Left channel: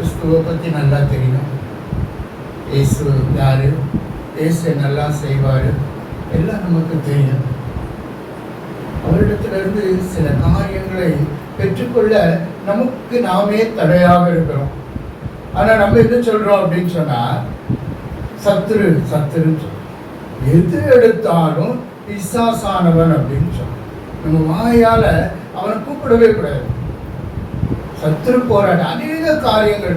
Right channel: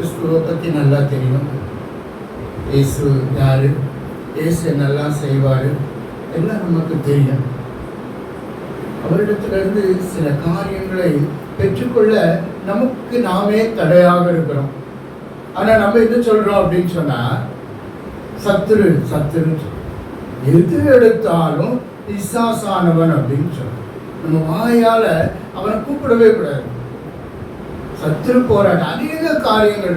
கிறிஸ்துவை பற்றி நல்லா தெரியும். இயேசு யார், இயேசு என்னெல்லாம் செய்வார் எல்லாம் நமக்கு தெரியும். அவரிடத்திலிருந்து சில காரியங்களை பெற்றுக்கொள்ள நமக்கு நாமே தடையாக இருக்கிறோம். ஆனால் நம்ம என்ன சொல்கிறோம் அப்படின்னு சொன்னால், சத்துரு சத்துருன்னு சொல்றோம். எது எடுத்தாலும் பிசாசானவன் அப்படின்னு சொல்றோம். நம்ம வாயால் அவனை கூப்பிடவே கூடாது. சத்துரு போராட்டம் அநேக காரியங்கள்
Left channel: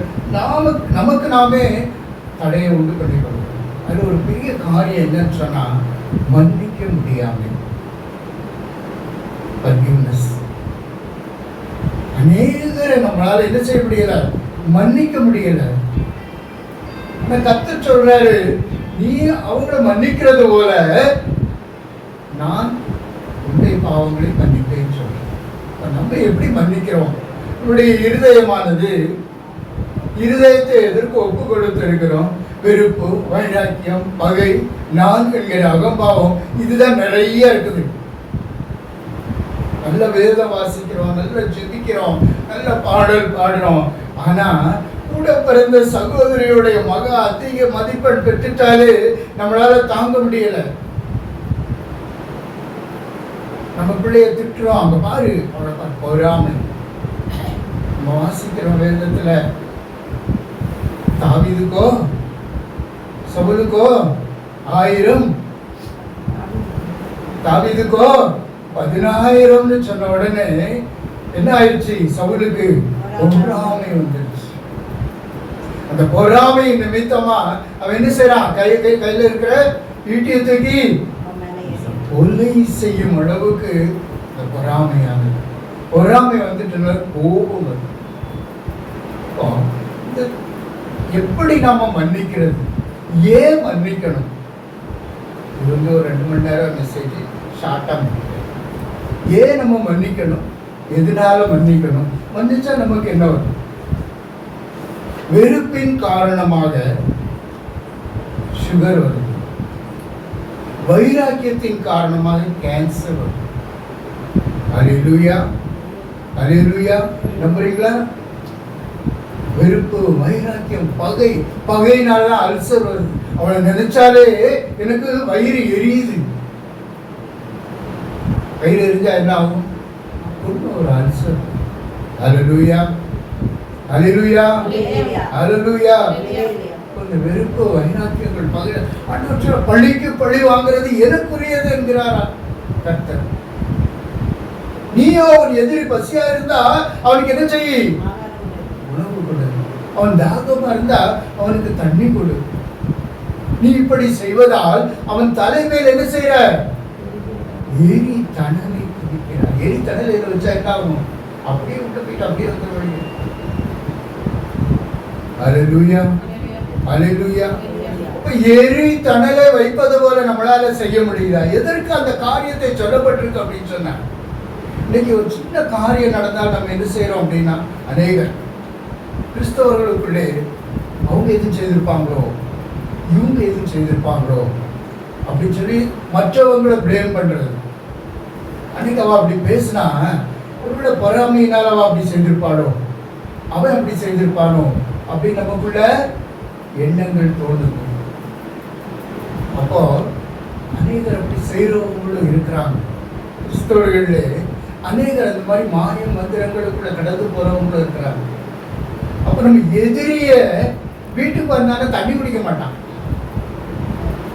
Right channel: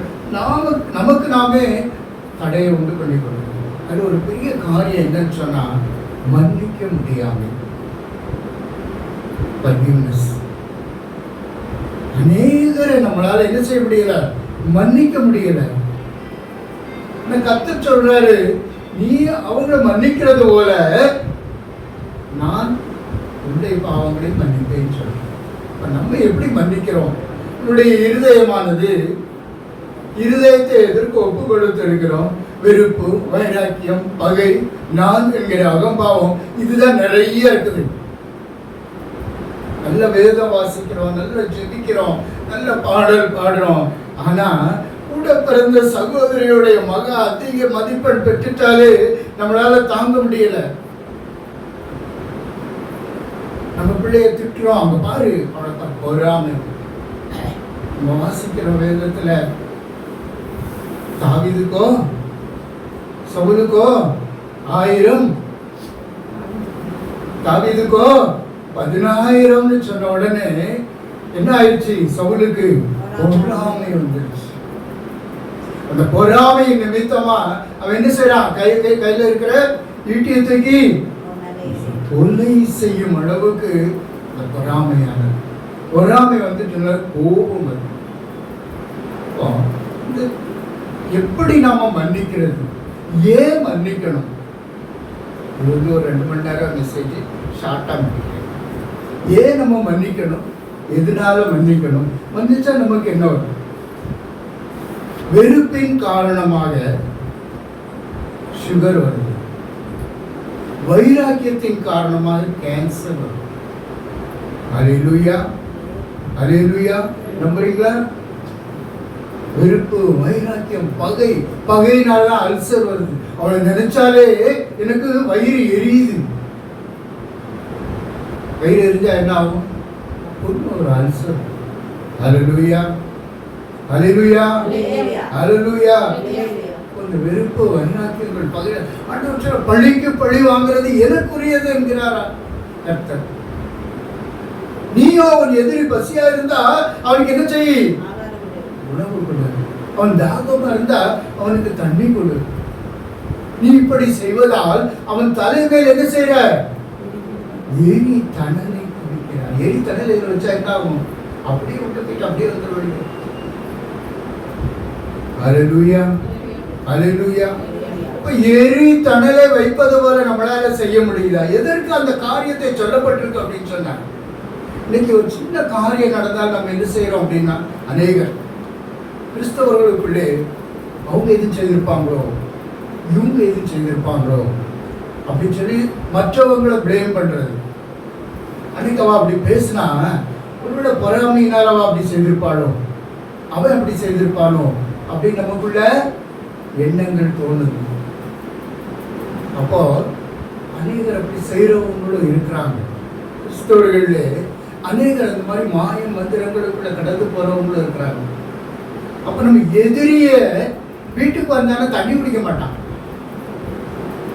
நமக்கு நாமே தடையை உண்டு பண்ணி கொள்ளும். அது ஒரு பெரிய காரியம் என்னன்னு சொன்னால், மன்னிக்க முடியாமல் ஃபர்கிவ்னஸ். அநேகரை நம்மளால என்ன செய்ய முடியல, மன்னிக்க முடியல. கர்த்தர் சொல்றாரு, நீ அவங்களை மன்னிக்கிறது போல நான் உன்னுடைய பாவங்களை மன்னிப்பேன்னு சொல்றேன். நம்ம எப்படி மன்னிக்கிறோம்? நம்முடைய இருதயமானது, இருதயத்தை எதற்கு ஒப்பு கொடுத்திருக்கிறோம்? வெறுப்பு, வைராக்கியம், பகை, நான் என்கிற அகம்பாவம், இதுதான் நிறைய இருக்குது. நல்ல வேதம் வாசிக்கிறோம், நல்ல ஜெபிக்கிறோம், நல்ல பாடல் பாடுறோம். ஆனா கூட பிறந்த சகோதரியுடைய மக அதிக மதிப்பெண் பெற்றுட்டாலே நம்மளால தாங்க முடியல. நம்ம பிள்ளைய திட்டுறோம், அங்க பாரு அவளை பொறாமை. நம்ம வாசிக்கிற வேதத்துல தாவீதுக்கோ சவுலுக்கோ 1000, தாவீதுக்கோ 10,000 சொன்ன உடனே என்ன ஆயிடுச்சு? சவுலுக்கு பொறாமை வந்துடுச்சு. அந்த பொறாமை நிமித்தமா அவன் என்ன செய்யறான்? கையில இருக்கிற ஈட்டியை தூக்கி கொலை செய்யும் அளவுக்கு அந்த பொறாமையானது. பொறாமை வந்துட்டு கோபம் வருது. எப்படி நாம மன்னிக்கிறது? ஏன் மன்னிக்கணும்? இது வந்து ஒரு 2 மணி நேரம் மெசேஜ் ஷார்ட்டா மன்னிக்கிறேன். ஏன் நம்ம மன்னிக்கணும்? எதனால மன்னிக்கணும்? மன்னிச்சா நமக்கு என்ன வரும்? வெறுப்பின் காரணமாக சுகர் வருது. வைராக்கியத்தின் காரணமாக கேன்சர் வருது. அல்லேலூயா, அல்லேலூயா. நம்புறீங்களா? வெறுப்பு, வைராக்கியம், பகை, பகையினால அல்சர் வருது. அவளை நினைச்சாலே எனக்கு வயிறு எரியுது. வயிறு எரிஞ்சா என்ன ஆகும்? ஒரு அல்சர். அல்லேலூயா, அல்லேலூயா, அல்லேலூயா. கொஞ்சம் வெறுப்பு, வைராக்கியங்கள், பகை, அண்ணா பழிக்கு பழி வாங்குறது எனக்குரியது என்கிறாரா கர்த்தர். நீயோ ஒரு எதிரி பசியா இருந்தா அவனுக்கு என்ன செய்ய? உணவு கொடு. அவன் தாகமா இருந்தா அவனுக்கு தண்ணி கொடு. நீ இப்படி செய்வதால் அவன் தலைமையில் என்ன செய்யற? எரி தணலை குடிக்கிறான். எரி தணலை வச்சா என்ன ஆகும்? அப்படியே விட்டு அப்படியே வந்துடுவாங்க. அல்லேலூயா, அல்லேலூயா. எரி தணலை வைப்பது போல நம்மளால செய்ய முடியுதா? எதற்கு அந்த காரியத்தை சொல்லப்பட்டிருக்கு அப்படின்னு சொன்ன? இன்னைக்கு ஒரு சின்ன காரியம் நடந்தால் நம்ம என்ன செய்யறோம் அப்படின்னா, அநேகர் கிறிஸ்தவர்களுக்குள்ளே அவங்க எதுவும் செய்திருப்பாங்களோ, இவங்க எதுவும் செய்திருப்பாங்களோ அப்படின்னு சொல்லி மற்றவங்களை பிளேம் பண்றது. அன்னைக்கு அவ அப்படி பேசினா, ஒருவேளை பொறாமையினால் அவ அப்படி செய்திருப்பாளோ, அவன் அப்படி செய்திருப்பானோ அப்படின்னு நமக்குள்ள எண்ணங்கள் தோணுது. அப்போ அநேகர் அப்படி செய்யறவங்களும் இருக்கிறாங்க. கிறிஸ்தவர்களே அநேகர் அந்த மாதிரி மாயம் மந்திரங்களுக்குள்ள கடந்து போறவங்களும் இருக்கிறாங்க. அப்ப நம்ம எதிரிய வீட்டுக்கு வந்தானே தண்ணி குடிக்க மாட்டான்.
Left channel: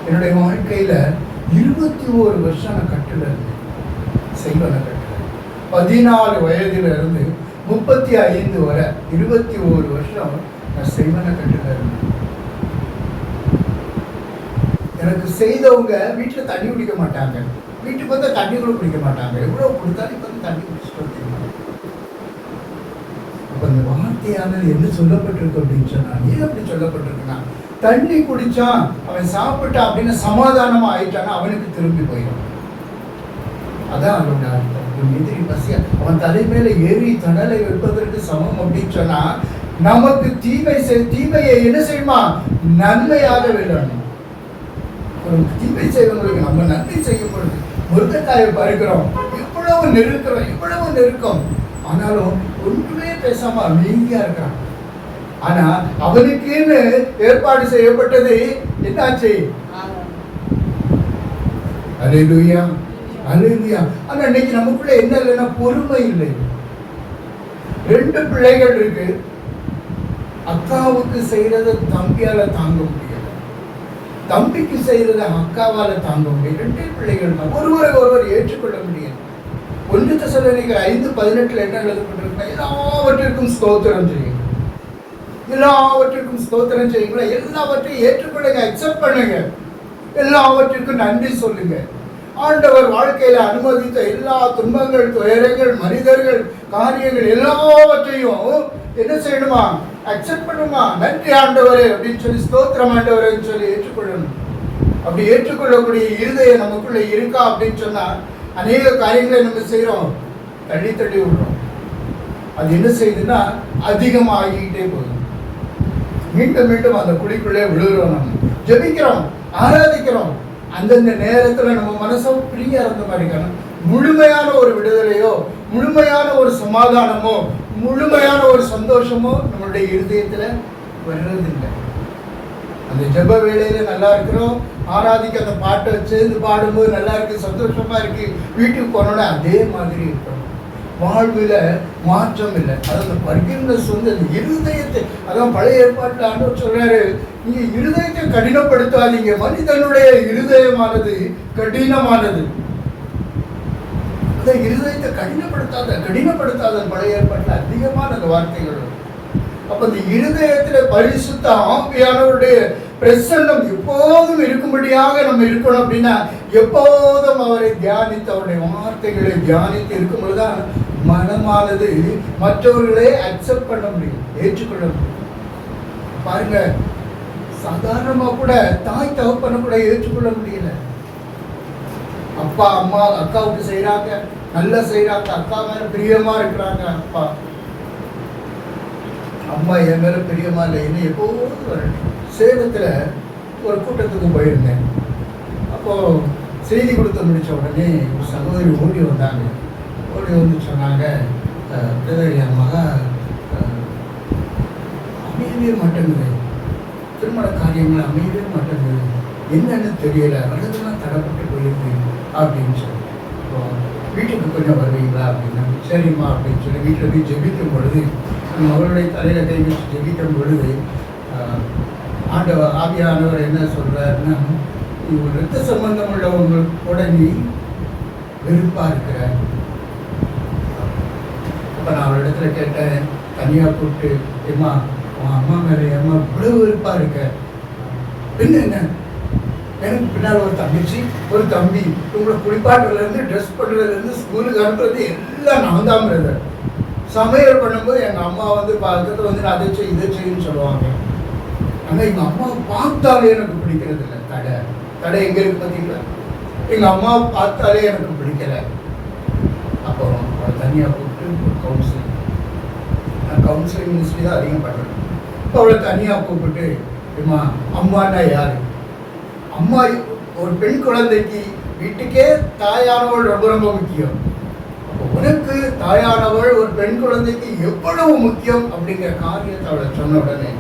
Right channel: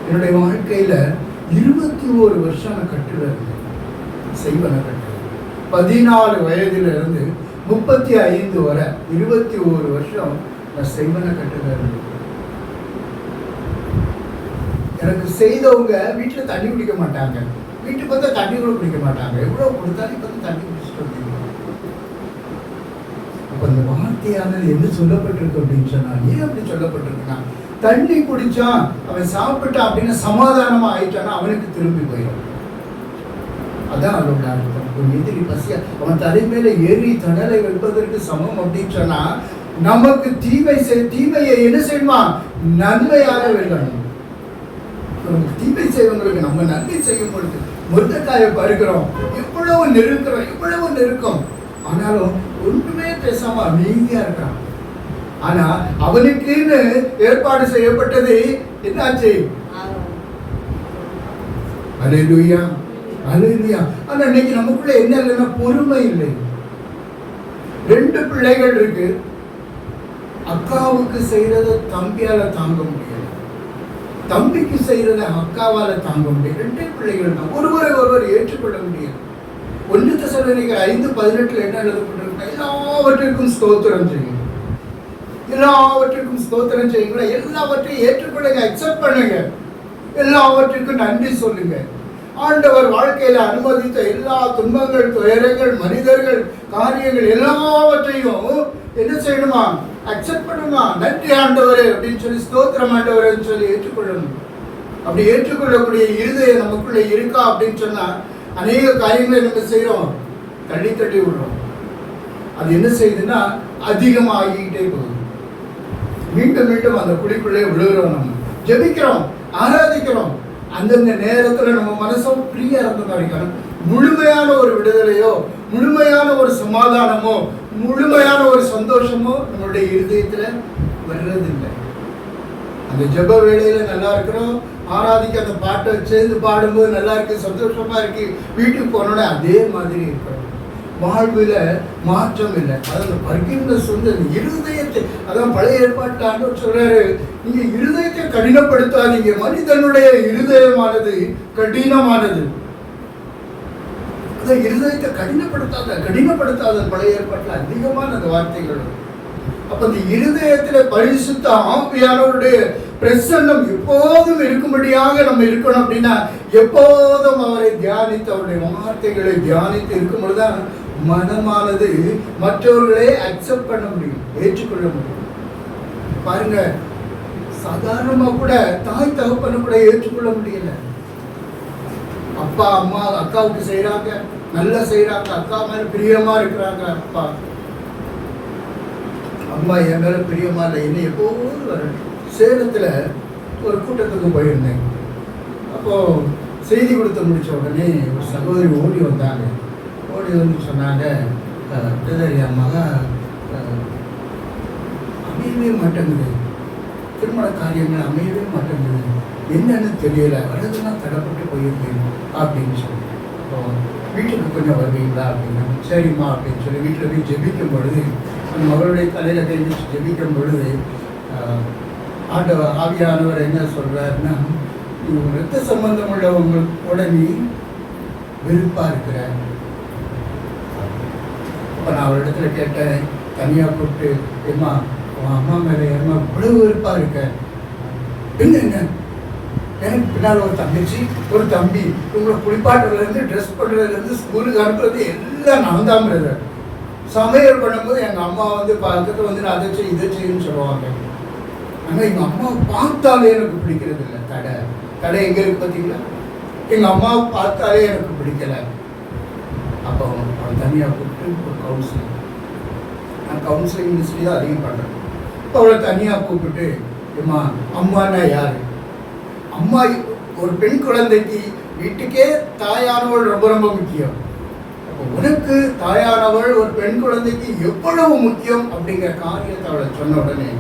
என்னுடைய வாழ்க்கையில 21 வருஷம் நான் கட்டுல இருந்தேன். செய்வன கட்டுல 14 வயதிலிருந்து 35 வரை 21 வருஷம் நான் செய்வன கட்டுல இருந்தேன். எனக்கு செய்தவங்க வீட்டுல தண்ணி குடிக்க மாட்டாங்க. வீட்டுக்கு வந்து தண்ணி கூட குடிக்க மாட்டாங்க. எவ்வளவு கொடுத்தாலும் இப்ப தண்ணி குடிச்சுட்டு வந்தீங்க. இப்ப இந்த வார்த்தையானது என்ன சொல்லப்பட்டிருக்கு அப்படின்னு சொன்னா, ஏன் அப்படி சொல்லப்பட்டிருக்குன்னா, தண்ணி குடிச்சான், அவன் சாப்பிட்டான் அப்படின்னு சமாதானமா ஆயிட்டான்னா அவனுக்கு திரும்பி போயிடும். அதான் அவனோட அர்த்தம். ஒரு எதிரி பசியா அவன் தலைமையில ஏறி தணலை வைப்பதற்கு சமம் அப்படின்னு சொன்னா, நமக்கு தீமையை என்ன செய்யுமா? நன்மையாக வெல்லணும். தீமை செய்வங்களுக்கு நம்ம நன்மை செய்யும் பொழுது முருங்கைக்காயை பருக்கிறோம், இவ்வளவு நெருக்கம், ஆனாலும் ஒன்றுமே பேசாம அமைதியா இருக்கான். ஆனா அவனுக்குன்னு ஏற்பாடு செய்யப்பட்டது என்னாச்சு? அல்லேலூயா, அல்லேலூயா. ஆனா இன்னைக்கு நமக்குள்ள என்ன இல்லைன்னா பொறுமை இல்லை. 2 பிள்ளைகள் இருக்கு. அக்காவுக்கு செய்யறத தம்பியால தாங்க முடியல, தம்பிக்கு செய்யறத அக்காவால தாங்க முடியல. 2 பிள்ளைகள் தான், ஒருவரை ஏற்றுக்கொள்ள முடியாது. 1 தெசலோனிக்கர் 5:18 என்ன எழுதப்பட்டிருக்கு? எல்லாவற்றிற்கும் ஸ்தோத்திரம் செய்யுங்க, எல்லாவற்றிற்கும் ஸ்தோத்திரம் செய்யுங்க, எல்லாவற்றையும் ஏற்றுக்கொள்ளுங்க, அக்செப்ட் பண்ணுங்க, எல்லாவற்றிற்கும் நன்றி சொல்லுங்க. ஆண்டவர் வாழ்க்கையில அனுமதித்த எல்லா துன்பங்கள், துயரங்கள், மனிதர்கள், காரியங்கள் எல்லாவற்றையும் என்ன செய்யணுமா? அக்செப்ட் பண்ணுமா? நன்றி ஆண்டவரே அப்படின்னு சொல்லி, ஸ்தோத்திரம் ஆண்டவரே சொல்லி ஏற்றுக்கொள்ளணும். அப்படி ஏற்றுக்கொள்ளக்கூடிய இருதயம் நமக்குள்ள இருக்கா அப்படின்னு சொன்னா அநேக காரியங்களை நம்ம செய்யறோம், தள்ளி தள்ளி விடுறோம். அது என்ன செய்யுதுன்னா அதிகமாகிக்கிட்டே போகுது. மீண்டும் மீண்டும் அந்த குழிக்குள்ளே விழுகிறோம். நம்ம ஜெபிக்கிறோம், ஆராதிக்கிறோம். அந்தந்த நேரத்துல நம்ம மனசும் ஃப்ரீயா இருந்த மாதிரி இருக்கணும். முழுமையான ஒரு விடுதலையோ, முழுமையான ஒரு சமாதானமோ, முழுமையான ஒரு சந்தோஷமோ நம்மளுடைய இருதயத்துல வர்றதில்லை. அந்த ஜெப வேளையில நல்லா இருக்கிறோம், ஆராதிக்க அந்த பாட்டை சேர்ந்து பாடும்போது நல்லா இருக்கு, சந்தோஷமா இருக்கு. வீட்டுக்கு போனோட அதே மாதிரி இருக்கிறோம். வாழ்வுல மாற்றம் இல்லை. அதாவது பரிகின்ற சொந்த இருதயத்தை, அதான் பழைய ஏற்பாட்டு ஆண்டவர் சொல்றாரு, நீங்க இருதயத்தை கடினப்படுத்தாதீங்க. மனிதனுடைய இருதயமானது கடினமானது. அதான் இருதயத்தை கடினப்படுத்தாத பழைய ஏற்பாட்டுல அதிகமான அந்த வார்த்தைகள். அப்ப இந்த இருதயத்துல பரிசுத்த ஆவியானவருடைய பிரசன்னம் எப்போதும் இருக்கும்படியாக நம்ம இருக்கணும். அப்படின்னா எப்போதும் அவரை தியானித்து, அவருடைய வார்த்தைகளை தியானித்து இருக்கும் பொழுதுதான் மனமானது மற்றவர்களே அக்செப்ட் பண்ண முடியும், ஏற்றுக்கொள்ள முடியும். பாருங்க, சாதாரணமா கூட தாய் தகப்பனை கூட ஏற்றுக்கொள்ள முடியல. அப்பா அம்மா அக்காவுக்கு செய்யறாங்க, நல்லா செய்யறாங்க, அக்கா மேல பிரியமா இருக்கிறாங்க. அப்பா அம்மா என் மேல பிரியமா இல்லை, என்ன எப்போது வரணும். சேலத்துல ஒரு கூட்டத்துக்கு போயிருந்தேன். அப்போ செய்தி கொடுத்து முடிச்ச உடனே ஒரு சகோதரி ஓடி வந்தாங்க. ஓடி வந்து சொன்னாங்க, என் மகா அமையவே மாட்டேங்குது, திருமண காரியங்கள் அமையவே மாட்டேங்குது, என்னன்னு தெரியல, வலதுலாம் தடப்பட்டு போயிருக்கேன் அப்படின்னு சொன்னேன். வீட்டுக்கு கொஞ்சம் வருவீங்களா அப்படின்னு. சரிம்மா அப்படின்னு சொல்லி வீட்டில் போய் ஜெபிக்கும் பொழுது, நம்ம அவருடைய தலையில கை வச்சு ஜெபிக்கும் பொழுது ஆவியானவர் என்ன சொல்றாருன்னா, ரத்த சம்பந்தம் உள்ளவங்களோட நீ வெறுப்பா இருக்கிற. அப்ப நான் அவரிடத்துல கேட்டேன், தனியா கூப்பிட்டு, ஏமா உன் அம்மா மேல ஏமா இவ்வளவு வெறுப்பா இருக்க? என்ன எனக்கு பின்னால் ஒரு தங்கச்சி, ஒரு தம்பி, உங்களை குளிப்பாட்டுறதுல இருந்து ட்ரெஸ் பண்ணுறதுல இருந்து ஸ்கூலுக்கு அனுப்புறது எல்லாம் நான் தான் பிரதர். சமையல் பண்ணும்போது எங்க அம்மா வந்து பக்கத்துல வந்து அதை செய் இதை செய்யுன்னு சொல்லுவாங்க. ஆனா எங்க அம்மாவை பார்த்தாலே எனக்கு பிடிக்கிறது இல்லை. தடை எங்க இருக்கு பார்த்தீங்களா? எங்க அம்மாவை பார்த்தாலே எனக்கு பிடிக்கல. அப்போ அவளை தனியா கூப்பிட்டு ஒரு கவுன்சிலிங், நான் கவுன்சிலிங் மினிஸ்ட்ரி தான் அதிகம் பண்றேன். இப்போ அவளை தனியா கூப்பிட்டு, அம்மானா யாரு? அம்மா ஒரு பெண் குழந்தைக்கு வீட்டுக்கே தாயானவள் ரொம்ப ரொம்ப முக்கியம். அப்போ உனக்கு தாயானவள் ஒரு பெண் குழந்தைக்கு எவ்வளவு முக்கியம் அப்படிங்கிற காரியத்தை அவளை சொன்ன உடனே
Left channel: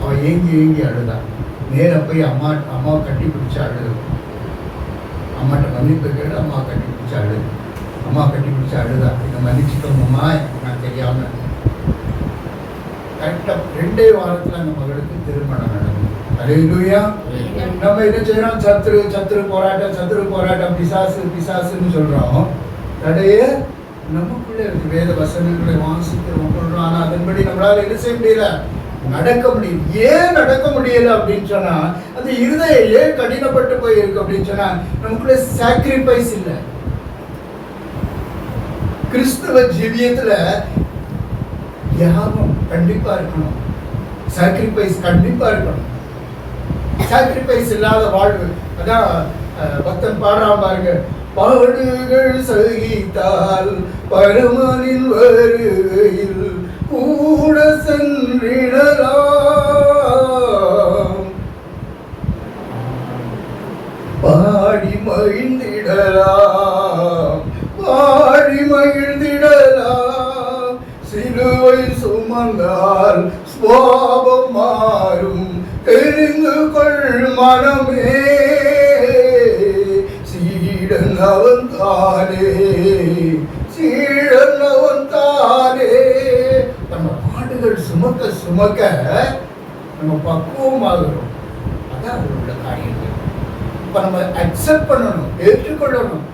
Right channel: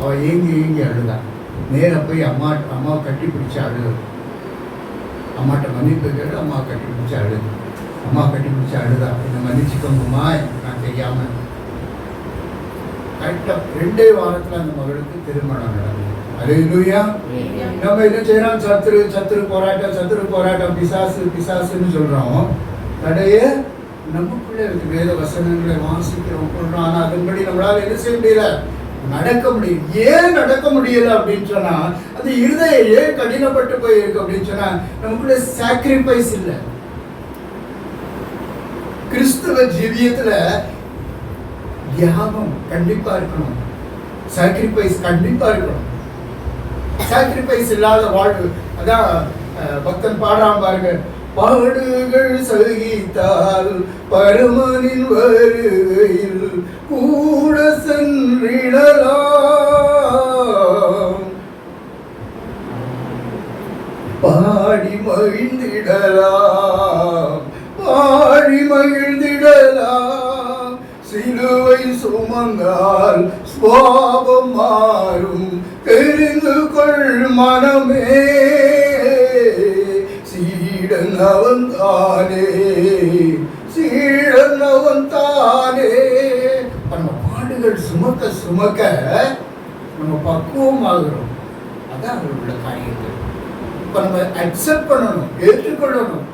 அவள் ஏங்கி அழுதான். நேர போய் அம்மாவை கட்டி பிடிச்சி அழுது. அம்மாட்ட மன்னிப்பு கேடு, அம்மா கட்டி பிடிச்சி அழுது. அம்மா கட்டி பிடிச்சி அழுதா, என்னை மன்னிச்சுக்கோங்கம்மா, நான் தெரியாம. கரெக்டா 2 வாரத்துல அந்த மகளுக்கு திருமணம் நடந்தது. அல்லேலூயா. நம்ம என்ன செய்யறோம்? சத்துரு போராட்டம், பிசாசுன்னு சொல்றோம். தடையே நமக்குள்ளே வேத வசனங்களை வாசிக்கிறோம், ஆனா அதன்படி நம்மளால என்ன செய்ய முடியல, நடக்க முடியும். ஏன் நடக்க முடியல அப்படின்னு சொன்னா, அந்த இருதயம் ஏன் கடினப்பட்டு போயிருக்கு அப்படின்னு சொன்னா, நமக்குள்ள சாக்ரிஃபைஸ் இல்லை. கிறிஸ்தவ ஜீவியத்துல தியாகம் கண்டிப்பா இருக்கணும், சாக்ரிஃபைஸ் கண்டிப்பா இருக்கணும். சாக்ரிஃபைஸ் இல்லாத வாழ்வு, அதான் பக்தன் பாடுறான் பாருங்க, பாடுகள் சகித்தால் பரமனின் வருகையில் கூட சென்றிடலாம், பாடி மகிழ்ந்திடலாம், சிலுவை சுமந்தால் சுவாபம் மாறும் தெரிந்து கொள் மனமே. சீடன் அவன் தானே, சீடன் அவன் தானே. நம்ம பாடுகள் சுமக்க சுமக்க நம்ம பக்குவமாகிறோம். அதான் அதில் உள்ள காரியங்கள். இப்ப நம்ம அக்செப்ட் பண்ணணும், ஏற்றுக்கொள்ளணும்.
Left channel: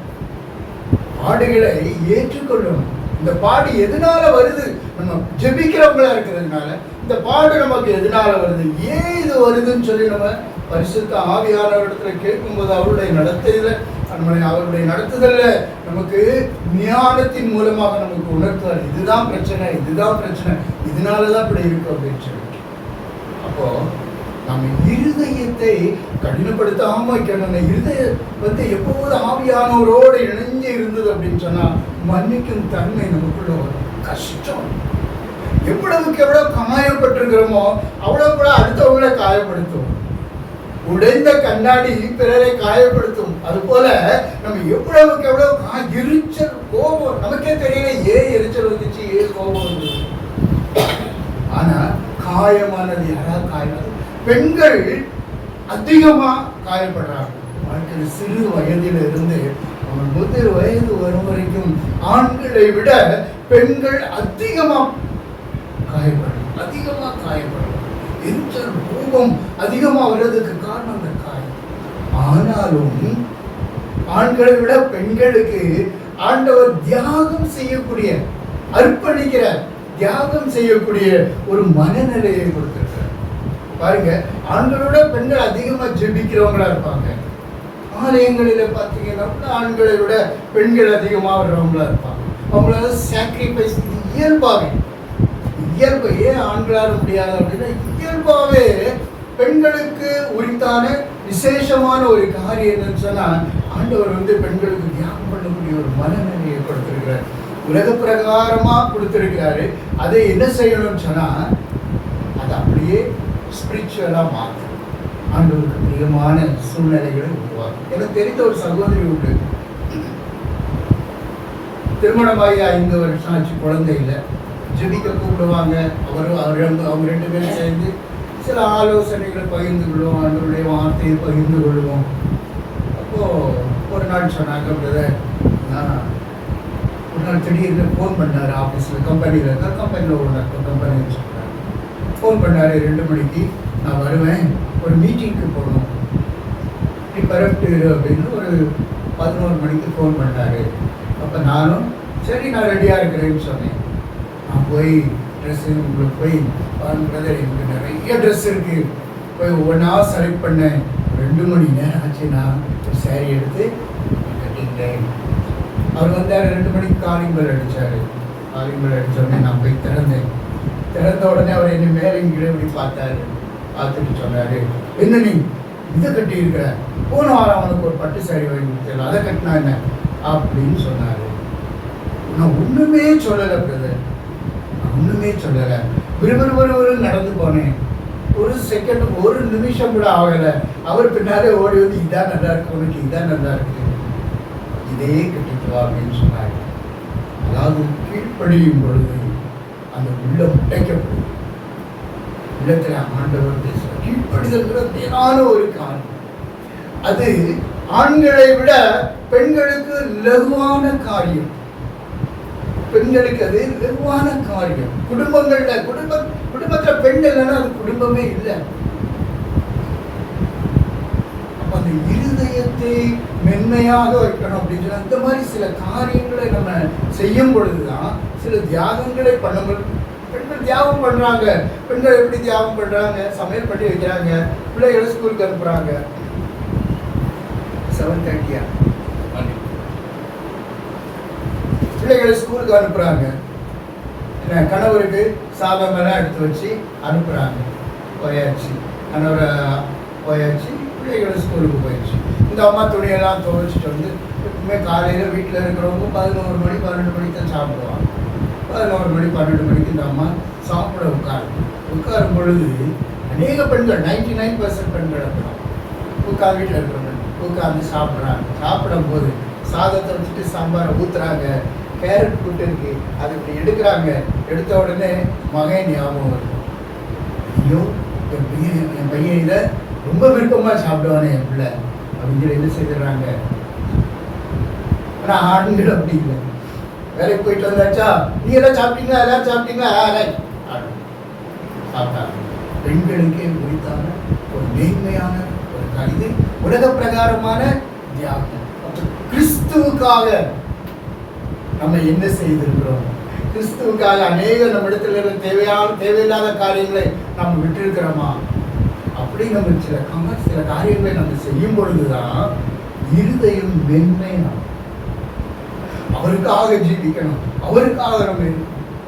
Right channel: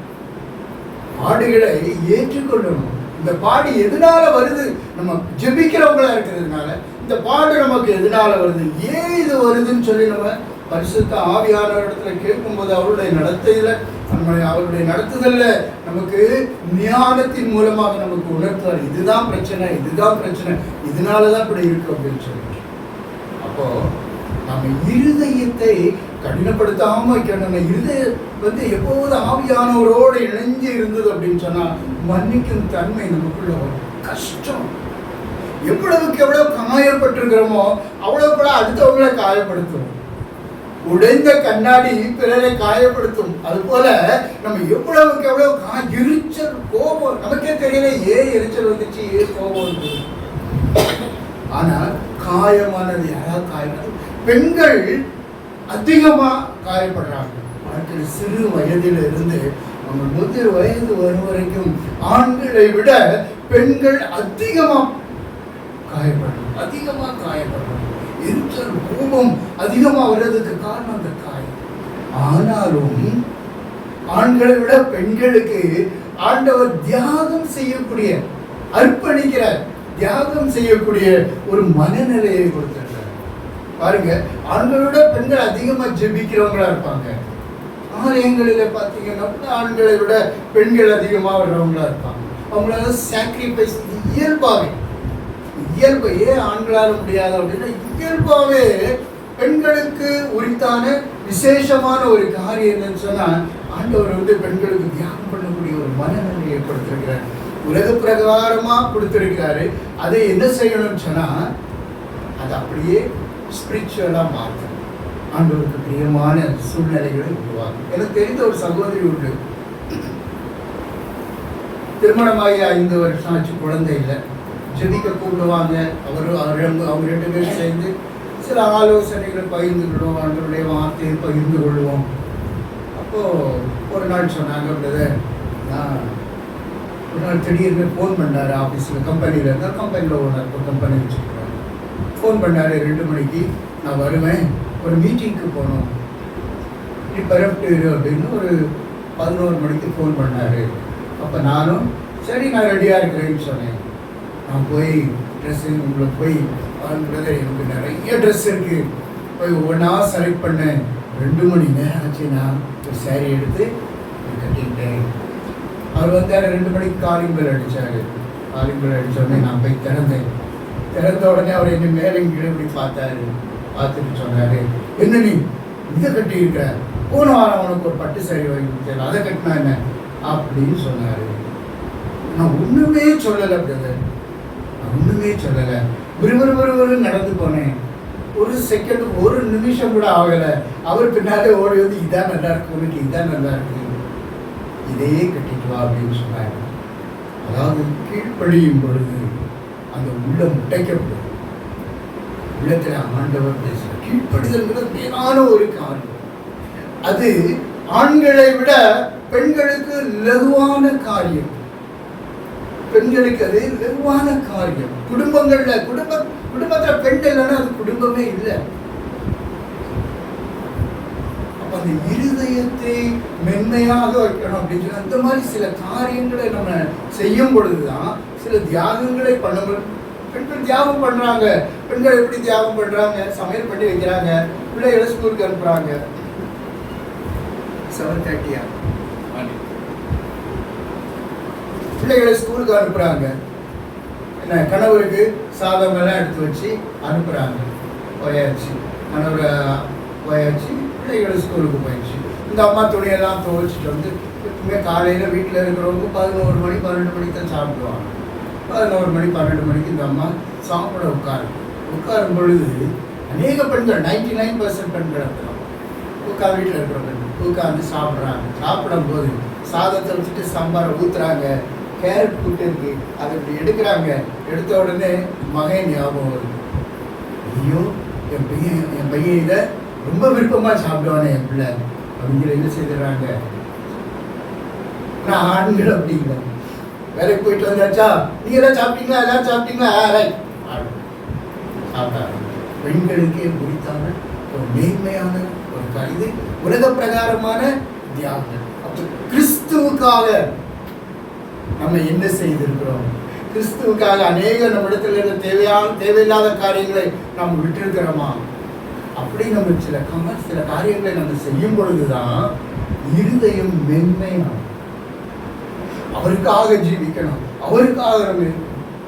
பாடுகளை ஏற்றுக்கொள்ளணும். இந்த பாடு எதனால வருது? நம்ம ஜெபிக்கிறவங்களா இருக்கிறதுனால. இந்த பாடு நமக்கு எதனால வருது, ஏன் இது வருதுன்னு சொல்லி நம்ம பரிசுத்த ஆவியானவரிடத்துல கேட்கும்போது அவருடைய நடத்தையில அவருடைய நடத்துதல்ல நமக்கு ஞானத்தின் மூலமாக நமக்கு உணர்த்துவார். இதுதான் பிரச்சனை, இதுதான் பிரச்சனை, இதனாலதான் இப்படி இருக்கு அப்படின்னு சொல்லி. அப்போ நம்ம இருதயத்தை கடினப்படுத்தாம வைக்கணும். நம்ம இருதயம் எப்போது ஆவியானவரோடு இணைஞ்சு இருந்தது அப்படின்னு சொன்னா மன்னிக்கும் தன்மை நமக்குள்ள வரும். கஷ்டம் எவ்வளவுக்கு எவ்வளவு காயப்பட்டிருக்கிறோமோ அவ்வளவு அடுத்தவங்களை காயப்படுத்தும். உடைந்த கண்ணாடி பிறரை காயப்படுத்தும். அது போல நம்ம எவ்வளவுக்கு எவ்வளவு எரிச்சல், கோபம், நமக்கே தெரியல ஏன் எரிச்சல் வந்துச்சு, ஏன் கோபம் வந்தது. ஆனா காயமானது யாராவது காயமானது பெண்கள் அதிகமா காயப்படுறாங்க. வாழ்க்கையில் சிறு வயதில் இருந்து அவங்க 30 வயது வரும் வரைக்கும் ஆண்களை விட பெண்கள் அதிகமா காயப்படுறாங்க. எரிச்சல், கோபம் அதிகமா வர்றதுக்கு காரணம் அந்த காயம். ஆனாலும் ஆண்களை விட பெண்களுக்கு ஆண்டவர் தியாகம் செய்யக்கூடிய, அர்ப்பணிக்கிற, தியாகம் செய்யக்கூடிய ஒரு மனநிலையை கொடுத்திருக்கார். பாருங்க, ஆண்களோட பெண்கள் அதிகமா ஜெபிக்கிறவங்களா இருப்பாங்க. ஆலயங்களில பார்த்தீங்கன்னா ஆண்களை விட பெண்கள் அதிகமா வர்றவங்களா இருப்பாங்க. அவங்களால சாக்ரிஃபைஸ் இயல்பு ஏன் ஆண்களால முடியாது அப்படின்னா இயல்பாவே பெண்களுக்கு உரித்தான விசேஷமான ஒரு காரியம் என்னன்னு சொன்னா ஆண்டவர் பெண்களுக்கு தியாகம் பண்ணக்கூடிய ஒரு மனநிலையை கொடுத்திருக்கிறார். உலக பிரகாரமா கொடுத்திருக்கிறாரு. அதை என்ன செய்யணும்னு சொன்னா அது அப்படியே ஸ்பிரிச்சுவலா மாற்றும். ஆண்டவருக்கு பிரியமான சூழ்நிலைகளை உருவாக்கும். எனக்கு தெரிந்த ஒரு சகோதரி உண்டு. திருமணமாகி 5 வருஷம் ஆச்சு, குழந்தை இல்லை. ஜெபிக்க கூப்பிடுவாங்க. அவங்க 2 பேரும் சேர்ந்து சில ஆலோசனைகள் பகிர்ந்து கொள்வோம், அவங்களுடைய வார்த்தையை பகிர்ந்து கொள்வோம். அப்போ ஒரு நாள் சொன்னாங்க, பிரதர் ஒரு நாள் திடீர்னு ஃபோன் பண்ணாரு. ஆஃபீஸில் கம்பெனியில் இருந்தால் கம்பெனியில் ஒரு கம்பெனி வச்சுருக்காரு. ஃபோன் பண்ணாரு 2 மணிக்கு, நான் வருவேன், ஒரு மீட்டிங்க்கு போகணும், நீ பரப்பிட்டு அப்படின்னு ஒரு 11 மணிக்கு ஃபோன் பண்ணாரு. அப்போ நானும் சரி நான் ரெடியாக இருக்கிறேன்னு சொன்னேன். நான் போய் உங்களுக்கு போய் பிரதர் எனக்கு நிறைய ட்ரெஸ் இருக்குது, போய் ஒவ்வொன்றா செலக்ட் பண்ணேன். 2 மணி நேரம் ஆச்சு. நான் ஒரு சேரீ எடுத்து கட்டிக்கிட்டேன். அவர் வந்தார். 2 மணிக்கு காலிங் பெல் அடித்தார். காலிங் பெல் அடித்தோடனே நான் போய் திறந்த உடனே அவர் என்னை மேலும் கீழே இப்படி பார்த்தாரு. பார்த்துட்டு சொன்னார், என்ன நீ இதை கட்டியிருக்கிற, போன வாரம் அவனுக்கு ஒரு பட்டு சேரீ வாங்கி கொடுத்தேன், அதை கட்டினா என்ன அப்படின்னு சொன்னார். நான் ஒன்றுமே சொல்லலை பிரதர், ஒன்றுமே சொல்லலை. விறுவிறு நடந்து போனேன். ஒரு செகண்ட், ஒரு நிமிஷம் கூட ஆகலை. அவர் பின்னாலே ஓடி வந்து இதான் நல்லா இருக்கு, உனக்கு இதான் நல்லா இருக்கு, இதையே கட்டிட்டு வா அப்படின்னு சொன்னாங்க. அதாவது கீழ்ப்படியும் பொழுது அந்த உள்ளம் முட்டைக்கப்படுது. உள்ளத்தில் ஆண்டவர் பேசுகிற கீழ்ப்படிதல்கிற மேலான ஒரு காரியம். அது ஆண்களை விட பெண்களுக்கு லகுவான காரியம். பெண்களுக்கு அது லகுவான காரியம். குடும்பத்துல பெண் இல்லைன்னா அது குடும்பமே இல்லை. அப்ப அந்த இருதயத்தை மென்மையாக வைக்கணும் அப்படின்னு சொல்லி அந்த மாதிரி சில காரியங்களை நம்ம செய்யும் பொழுதுதான் சில தியாகங்களை பண்ணும்போது பெண்கள் தியாகம் பண்றாங்க. பெண்கள் எப்படி தியாகம் பண்றாங்க? சமையல் பண்ணி வைக்கிறாங்க, பிள்ளைகளை ஸ்கூலுக்கு அனுப்புறாங்க. 7:30 பிள்ளைகளை ஸ்கூலுக்கு அனுப்புறாங்க. என்ன, கணவருக்கு சாதமெல்லாம் எடுத்து வச்சு அனுப்புறாங்க. போயாச்சு, கணவரை போயாச்சு, பிள்ளைகளை ஸ்கூலுக்கு போயிடுச்சு. இந்த அம்மா துணியெல்லாம் துவைச்சிட்டு வந்து எப்பவுமே காலையில் வீட்டில் இருக்கிறவங்க 11 மணி 12 மணிக்கு தான் சாப்பிடுவாங்க. 11 மணி 12 மணிக்கு இந்த அம்மா சாப்பிட உட்காரும் பொழுது அநேக பெண்கள் 99% பெண்கள் வீட்டில் இருக்கிறவங்க உட்காந்து சாப்பிட்றாங்க. சாப்பிடும் போது சாதத்தை வச்சுட்டு சாம்பாரை ஊற்றுறாங்க. கேரட் கூட்டு இருக்கு, அதை இப்படி எடுக்கிறாங்க. எடுத்த உடனே மகன் ஞாபகம் வருது. ஐயோ, என் பையன் இதை ரொம்ப விருப்பமாக சாப்பிடுவானே என் பிள்ளை அப்படின்னு என்ன செய்துறாங்க. ஆனால் ஆண்கள் அப்படி இல்லை. வேலைக்கு போயிட்டு வந்தாச்சா, நீ எல்லாம் சாப்பிட்டீங்களா, எல்லாம் சாப்பிட்டீங்களா, சாப்பிட்டாங்க. பெண்களுக்கே குறித்தான ஒரு மேன்மையான ஒரு கருது, உலக பிரகாரமான தியாகம். அப்போ கிறிஸ்துவுக்காக நம்ம என்ன செய்திருக்கிறோம்? கிறிஸ்துவுக்காக அநேக நம்மிடத்துல தேவையில்லாத காரியங்களை நாம் விட்டிருக்கிறோமா? அப்படி நம்ம சில காரியங்களை நம்ம செய்யும் பொழுதுதான் இருதயம் மென்மையாகும். அவருக்காக ஜீவிக்கணும், அவருக்காக நம்ம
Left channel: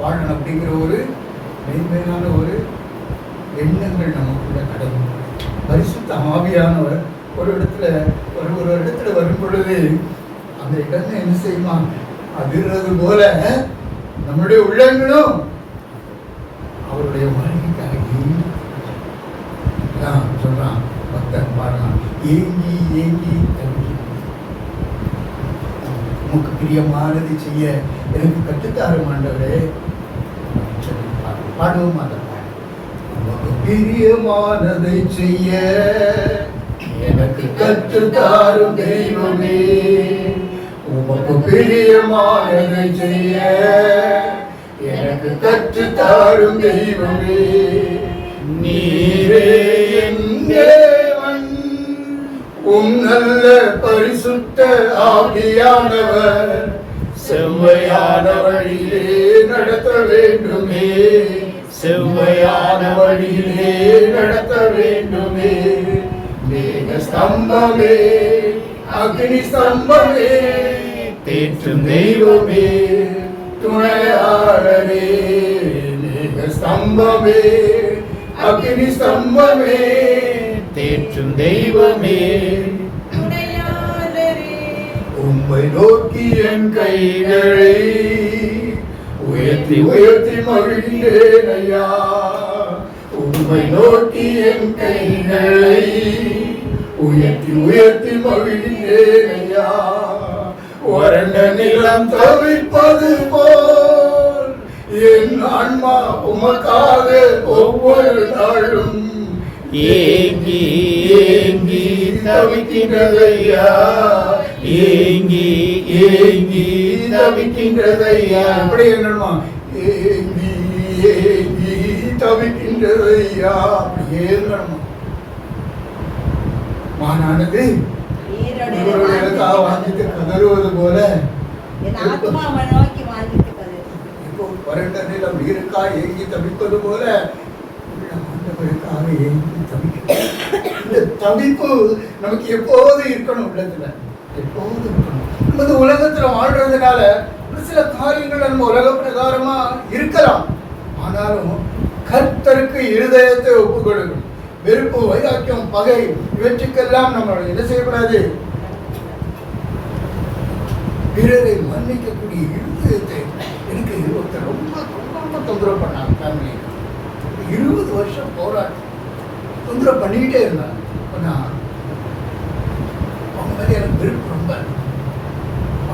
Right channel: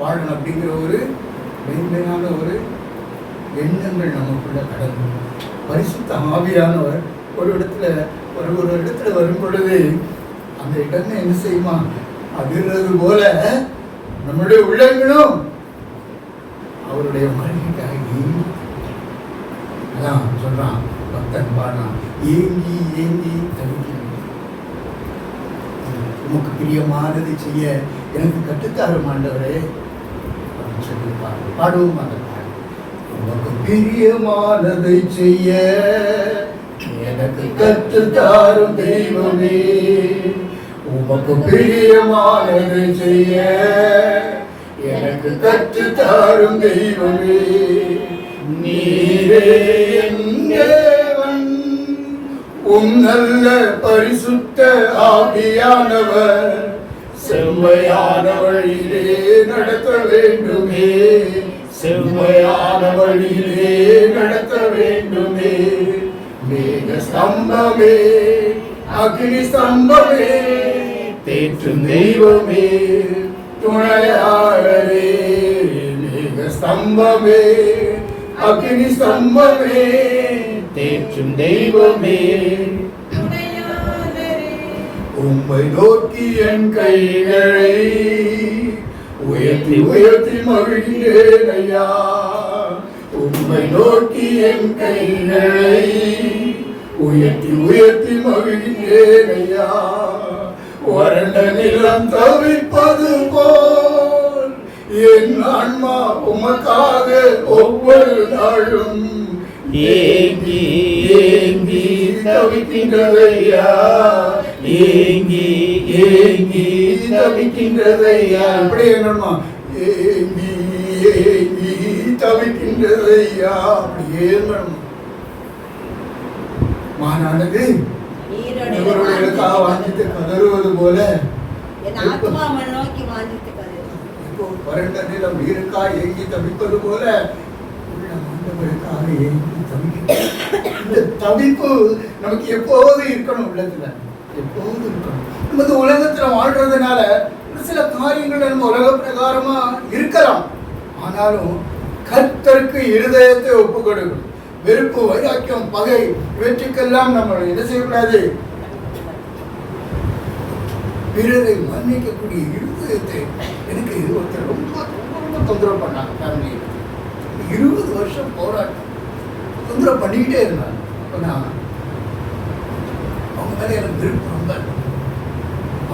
வாழணும் அப்படிங்கிற ஒரு மென்மையான ஒரு எண்ணங்கள் நமக்குள்ள கடந்து பரிசுத்த ஆவியானவர் ஒரு இடத்துல வரும் பொழுது அந்த இடமே என்ன செய்யுமா? அதிர்றது போல நம்முடைய உள்ளங்களும் அவருடைய மனைவிக்காக சொல்றான். பக்தன் பாடலாம், ஏங்கி ஏங்கி தவிக்க உமக்கு பிரியமானதை செய்ய எனக்கு கற்றுத்தாரும் ஆண்டவரே. பாடவும் மாட்டேன். உமக்கு பிரியமானதை செய்ய எனக்கு கற்றுத்தாரும் தெய்வமே. உமக்கு பிரியமானதை செய்ய எனக்கு கற்றுத்தாரும் தெய்வமே. நீரே என் தேவன், உம் நல்ல பரிசுத்த ஆவியானவர் செவ்வையான வழியிலே நடத்த வேண்டுமே. செவ்வையான வழியிலே நடத்த வேண்டுமே. மேக ஸ்தம்பமே, அக்னி ஸ்தம்பமே, தேற்றும் தெய்வமே, துணையாளரே. மேக ஸ்தம்பமே, அக்னி ஸ்தம்பமே, தேற்றும் தெய்வமே, உம்மை நோக்கி என் கைகளை உயர்த்தி உயர்த்தி மகிழ்கிறேன் ஐயா. உம்மை நோக்கி என் கைகளை உயர்த்தி உயர்த்தி மகிழ்கிறேன் ஐயா. வறண்ட நிலம் தவிப்பது போல் என் ஆன்மா உமக்காக ஒவ்வொரு நாளும் ஏங்கி ஏங்கி தவிக்கின்றதையா. ஏங்கி ஏங்கி தவிக்கின்றதையா. அப்படி என்னமா? ஏங்கி ஏங்கி தவிக்கின்றதையா. அப்படி ஏங்கணுமா? மானானது வாங்கிட்டு கதறுவது போல இப்போ வறண்ட நிலம் இருக்கா ஏங்கி தவிப்பது போல இந்த தவிப்பு நமக்கு எப்போது இருக்கணும். உள்ளத்துல எப்போது இருக்கணும். நமது உலகத்துல வாழ்றதுனால சில காரியங்கள் நம்ம உலக பிரகாரமா இருக்கலாம். ஆனாலும் கர்த்தருக்கு இருதயத்தை ஒப்பு கொடுக்கணும். வெறுப்பு, வைராக்கியம், பகை இவற்றுக்கெல்லாம் நம்ம என்ன செய்யக்கூடாது? பிறரை மன்னிக்கக்கூடிய இருதயத்தை. எனக்கு ஒருத்தர் ரொம்ப ரொம்ப தொந்தரவு பண்ணாங்க. ஃபேமிலி 20 வருஷம் போராட்டம் தொந்தரவு பண்ணிக்கிட்டே இருந்தாங்க. அவங்க மேலே எனக்கு விருப்பம் ரொம்ப.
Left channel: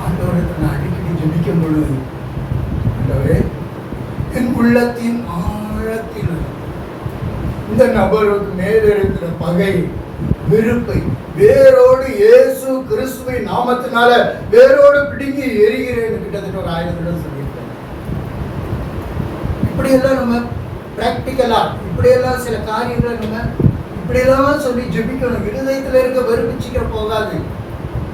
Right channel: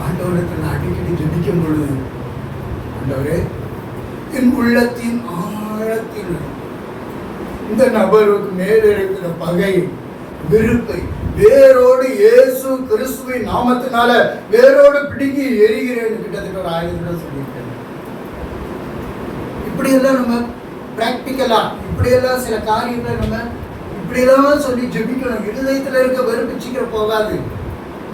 ஆண்டவரிடத்தில் நான் அடிக்கடி ஜெபிக்கும் பொழுது, ஆண்டவரே என் உள்ளத்தின் ஆழத்தில் இந்த நபருக்கு மேலே இருக்கிற பகை, வெறுப்பை வேரோடு இயேசு கிறிஸ்துவின் நாமத்தினால வேரோடு பிடுங்கி எரிகிறேன். கிட்டத்தட்ட ஒரு 1000 தடவை சொல்லியிருக்கேன். இப்படியெல்லாம் நம்ம பிராக்டிக்கலா இப்படியெல்லாம் சில காரியங்களை நம்ம இப்படியெல்லாம் சொல்லி ஜெபிக்கணும். இருதயத்துல இருக்க வெறுப்பு சீக்கிரம் போகாது.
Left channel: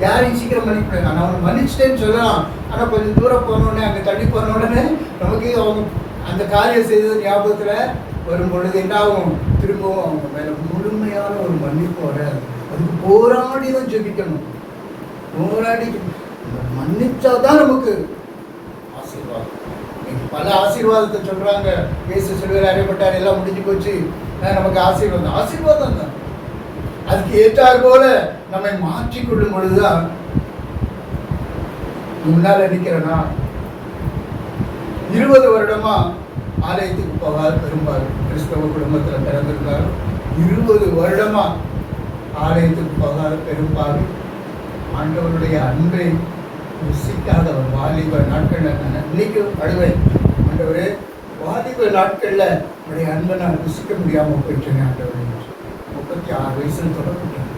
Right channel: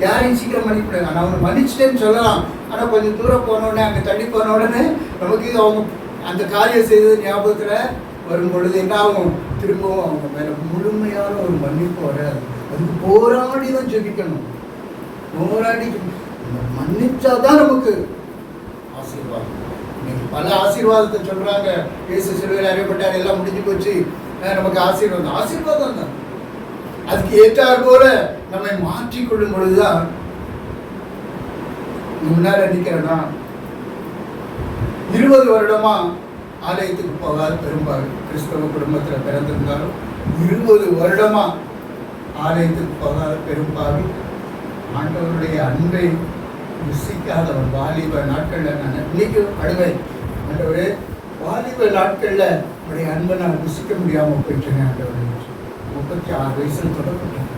யாரையும் சீக்கிரம் மன்னிக்கூடாது. நான் அவனை மன்னிச்சிட்டேன்னு சொல்லலாம். ஆனா கொஞ்சம் தூரம் போன உடனே, அங்க தள்ளி போன உடனே நமக்கு அவங்க அந்த காரியம் செய்தது ஞாபகத்துல வரும் பொழுது என்ன ஆகும்? திரும்பவும் அவங்க மேல முழுமையான ஒரு மன்னிப்பு வராது. அதுக்கு போராடி தான் ஜெபிக்கணும். போராடி மன்னிச்சாதான் நமக்கு ஆசீர்வாதம். பல ஆசீர்வாதத்தை சொல்றாங்க. இயேசு சிலுவையில் அறியப்பட்டார், எல்லாம் முடிஞ்சு போச்சு, நமக்கு ஆசீர்வாதம். ஆசீர்வாதம் தான். அதுக்கு ஏற்றார் போல நம்மை மாற்றிக்கொள்ளும் பொழுதுதான். முன்னால நிக்கிறனா 20 வருடமா ஆலயத்துக்கு போகாத பெரும்பாலும் கிறிஸ்தவ குடும்பத்தில் பிறந்திருந்தாலும் 20 வருடமா ஆலயத்துக்கு போகாத பெரும்பாலும் ஆண்டவருடைய அன்பை ருசிக்காத ஒரு வாலிப நாட்கள்ல நான் இன்னைக்கு அழுவேன். ஆண்டவரே, வாலிப நாட்கள்ல உடைய அன்பை நான் ருசிக்க முடியாம போயிட்டேன் ஆண்டவரே. 36 வயசுல தொடப்பட்டேன்,